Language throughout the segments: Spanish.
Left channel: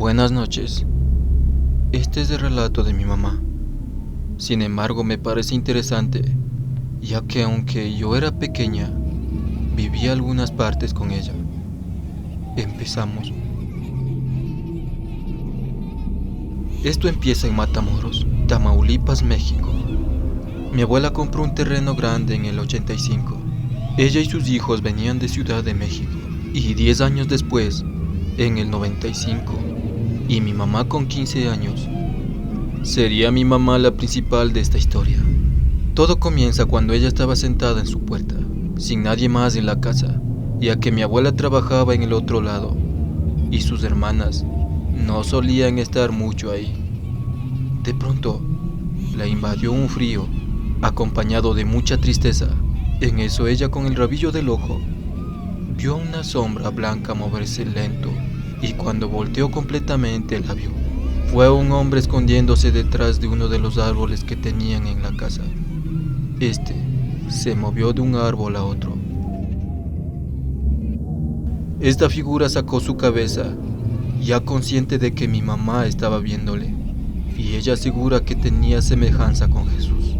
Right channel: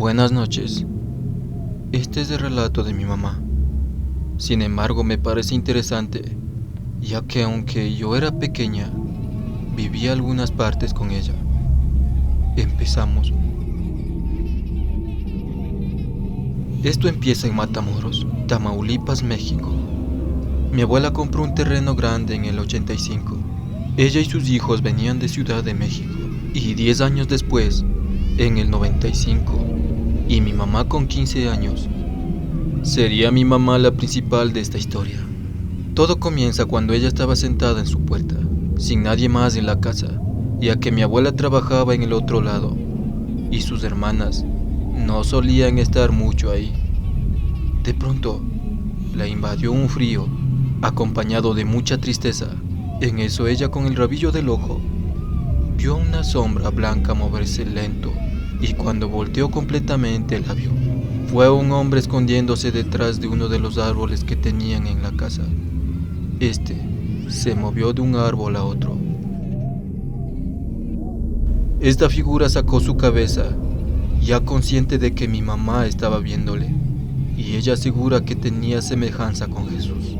Buenas noches. Este es el relato de mi mamá. Sin embargo, me parece interesante, ya que aunque yo era pequeña, viví algunas partes con ella. Empezamos. Esto empieza en Matamoros, Tamaulipas, México. Mi abuela compró un terreno grande en el 85. Ella y sus hijos venían de Ciudad de México. Y 10 años después, en el 95, y mi mamá con 15 años, sería mi mamá la principal de esta historia. Todo comienza cuando ella estaba sentada en su puerta, sin nadie más en la casa, ya que mi abuela trabajaba en el otro lado, y sus hermanas no solían estar mucho ahí. De pronto, la invadió un frío, acompañado de mucha tristeza. En eso ella, con el rabillo del ojo, vio una sombra blanca moverse lento, y cuando volteó completamente la vio. Fue un hombre escondiéndose detrás de uno de los árboles que tenían en la casa. Este se movió de un árbol a otro. Esta figura sacó su cabeza, ya consciente de que mi mamá estaba viéndole, y ella asegura que tenía semejanza con Jesús,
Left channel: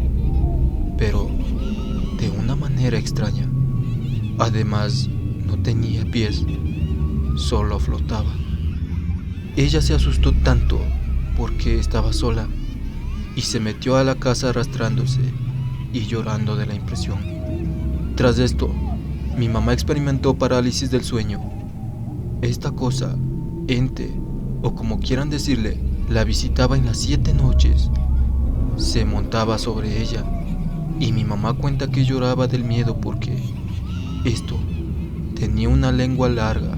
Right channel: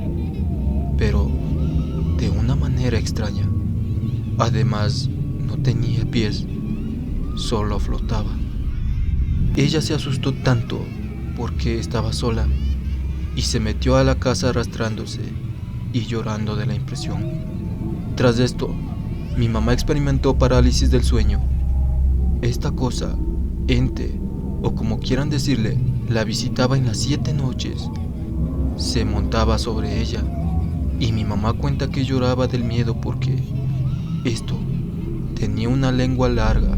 pero de una manera extraña. Además, no tenía pies, solo flotaba. Ella se asustó tanto porque estaba sola y se metió a la casa arrastrándose y llorando de la impresión. Tras esto, mi mamá experimentó parálisis del sueño. Esta cosa, ente, o como quieran decirle, la visitaba en las 7 noches. Se montaba sobre ella y mi mamá cuenta que lloraba del miedo porque esto tenía una lengua larga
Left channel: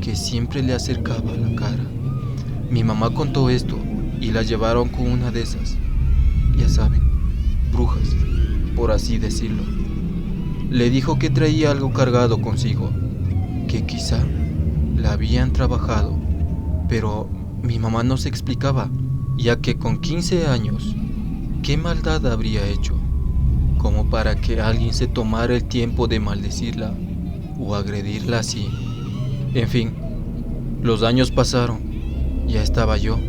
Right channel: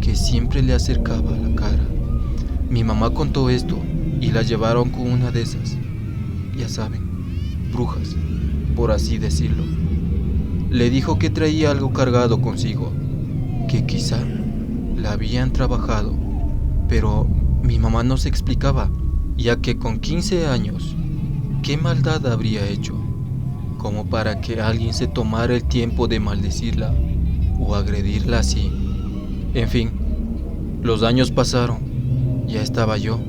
que siempre le acercaba a la cara. Mi mamá contó esto y la llevaron con una de esas, ya saben, brujas, por así decirlo. Le dijo que traía algo cargado consigo, que quizá la habían trabajado, pero mi mamá no se explicaba, ya que con 15 años, ¿qué maldad habría hecho como para que alguien se tomara el tiempo de maldecirla o agredirla así? En fin, los años pasaron. Ya estaba yo,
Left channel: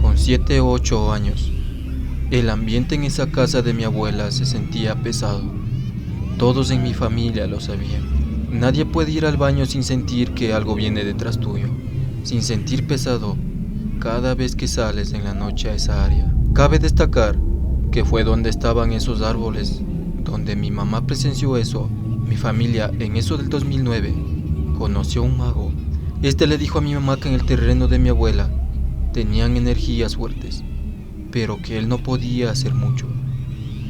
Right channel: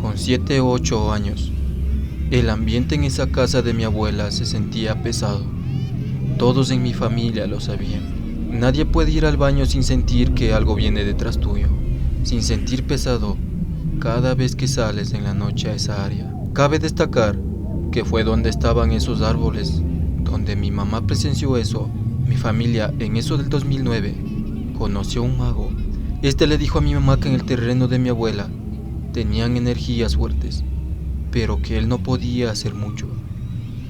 con 7 u 8 años. El ambiente en esa casa de mi abuela se sentía pesado. Todos en mi familia lo sabían. Nadie puede ir al baño sin sentir que algo viene detrás tuyo, sin sentir pesado cada vez que sales en la noche a esa área. Cabe destacar que fue donde estaban esos árboles, donde mi mamá presenció eso. Mi familia, en eso del 2009, conoció a un mago. Este le dijo a mi mamá que en el terreno de mi abuela tenían energías fuertes, pero que él no podía hacer mucho,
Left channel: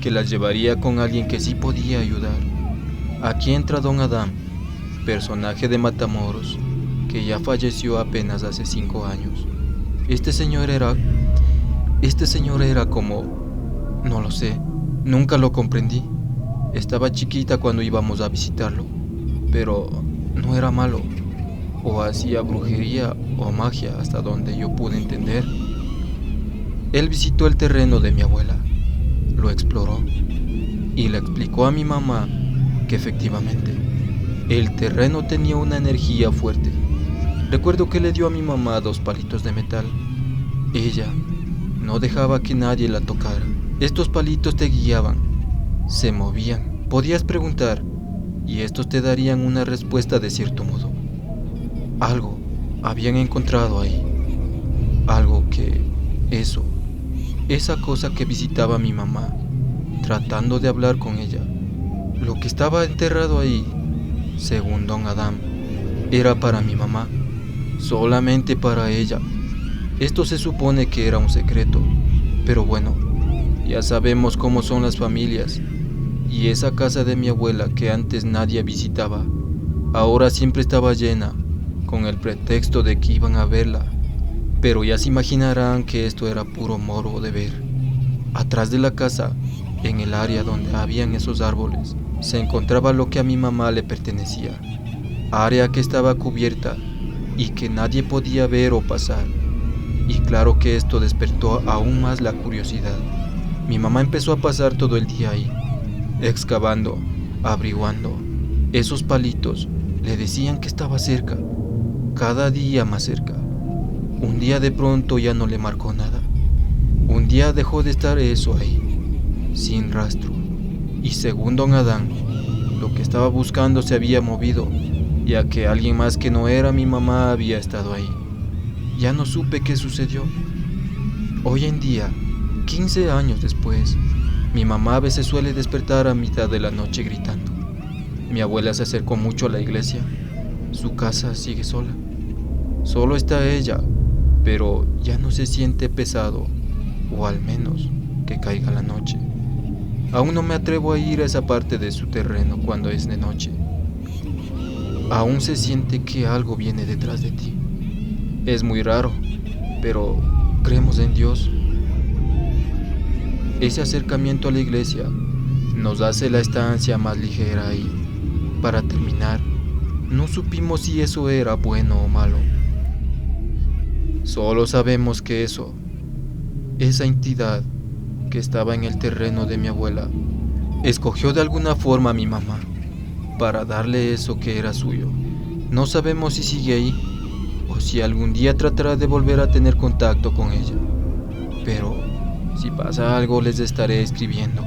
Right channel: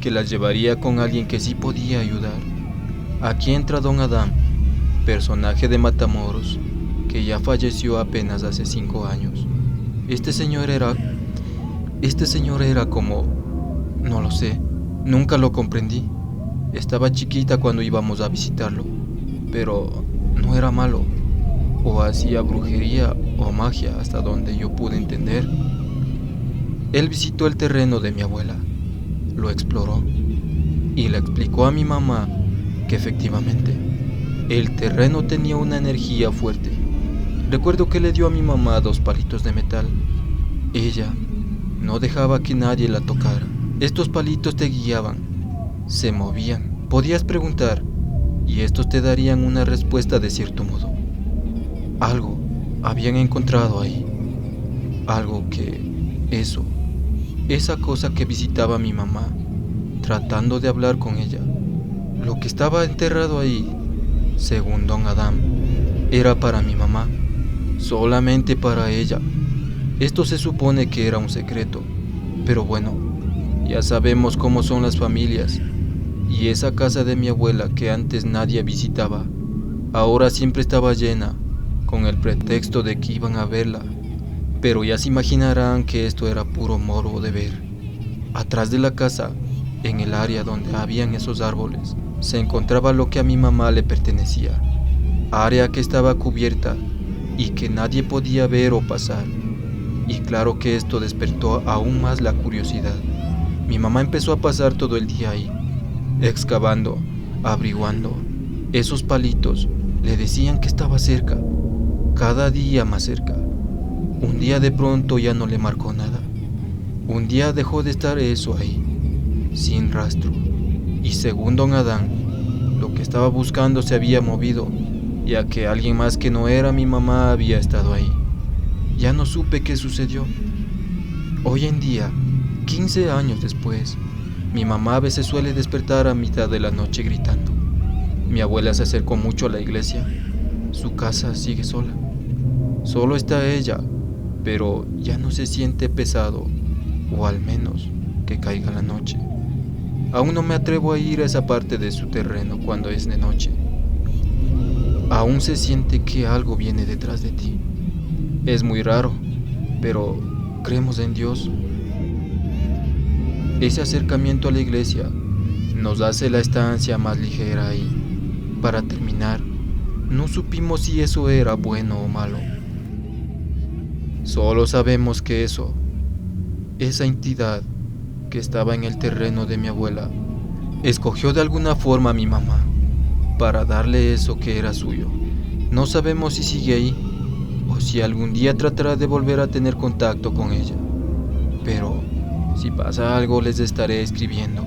que las llevaría con alguien que sí podía ayudar. Aquí entra Don Adán, personaje de Matamoros, que ya falleció apenas hace 5 años. Este señor era como, no lo sé, nunca lo comprendí. Estaba chiquita cuando íbamos a visitarlo, pero no era malo, o hacía brujería o magia hasta donde yo pude entender. Él visitó el terreno de mi abuela, lo exploró y le explicó a mi mamá que efectivamente el terreno tenía una energía fuerte. Recuerdo que le dio a mi mamá 2 palitos de metal. Ella no dejaba que nadie la tocara. Estos palitos te guiaban, se movían, podías preguntar y estos te darían una respuesta de cierto modo. Algo habían encontrado ahí, algo que esa cosa que visitaba a mi mamá, tratando de hablar con ella. Lo que estaba enterrado ahí, según Don Adán, era para mi mamá, solamente para ella. Esto se supone que era un secreto, pero bueno, ya sabemos cómo son las familias, y esa casa de mi abuela que antes nadie visitaba, ahora siempre estaba llena, con el pretexto de que iban a verla, pero ya se imaginarán que esto era puro morbo de ver. Atrás de la casa, en el área donde habían esos árboles, se encontraba lo que a mi mamá le pertenecía, área que estaba cubierta y que nadie podía ver o pasar, y claro que esto despertó aún más la curiosidad. Mi mamá empezó a pasar todo el día ahí, excavando, averiguando. Esos palitos le decían que estaba cerca, cada día más cerca. Un día de pronto ya no le marcó nada. Un día dejó de estar eso ahí, sin rastro. Y según don Adán, lo que estaba buscando se había movido, ya que alguien más que no era mi mamá había estado ahí. Ya no supe qué sucedió. Hoy en día, 15 años después, mi mamá a veces suele despertar a mitad de la noche gritando. Mi abuela se acercó mucho a la iglesia. Su casa sigue sola. Solo está ella, pero ya no se siente pesado, o al menos que caiga la noche. Aún no me atrevo a ir a esa parte de su terreno cuando es de noche. Aún se siente que algo viene detrás de ti. Es muy raro, pero creemos en Dios. Ese acercamiento a la iglesia nos hace la estancia más ligera y, para terminar, no supimos si eso era bueno o malo. Solo sabemos que esa entidad que estaba en el terreno de mi abuela, escogió de alguna forma a mi mamá para darle eso que era suyo. No sabemos si sigue ahí o si algún día tratará de volver a tener contacto con ella. Pero si pasa algo les estaré escribiendo.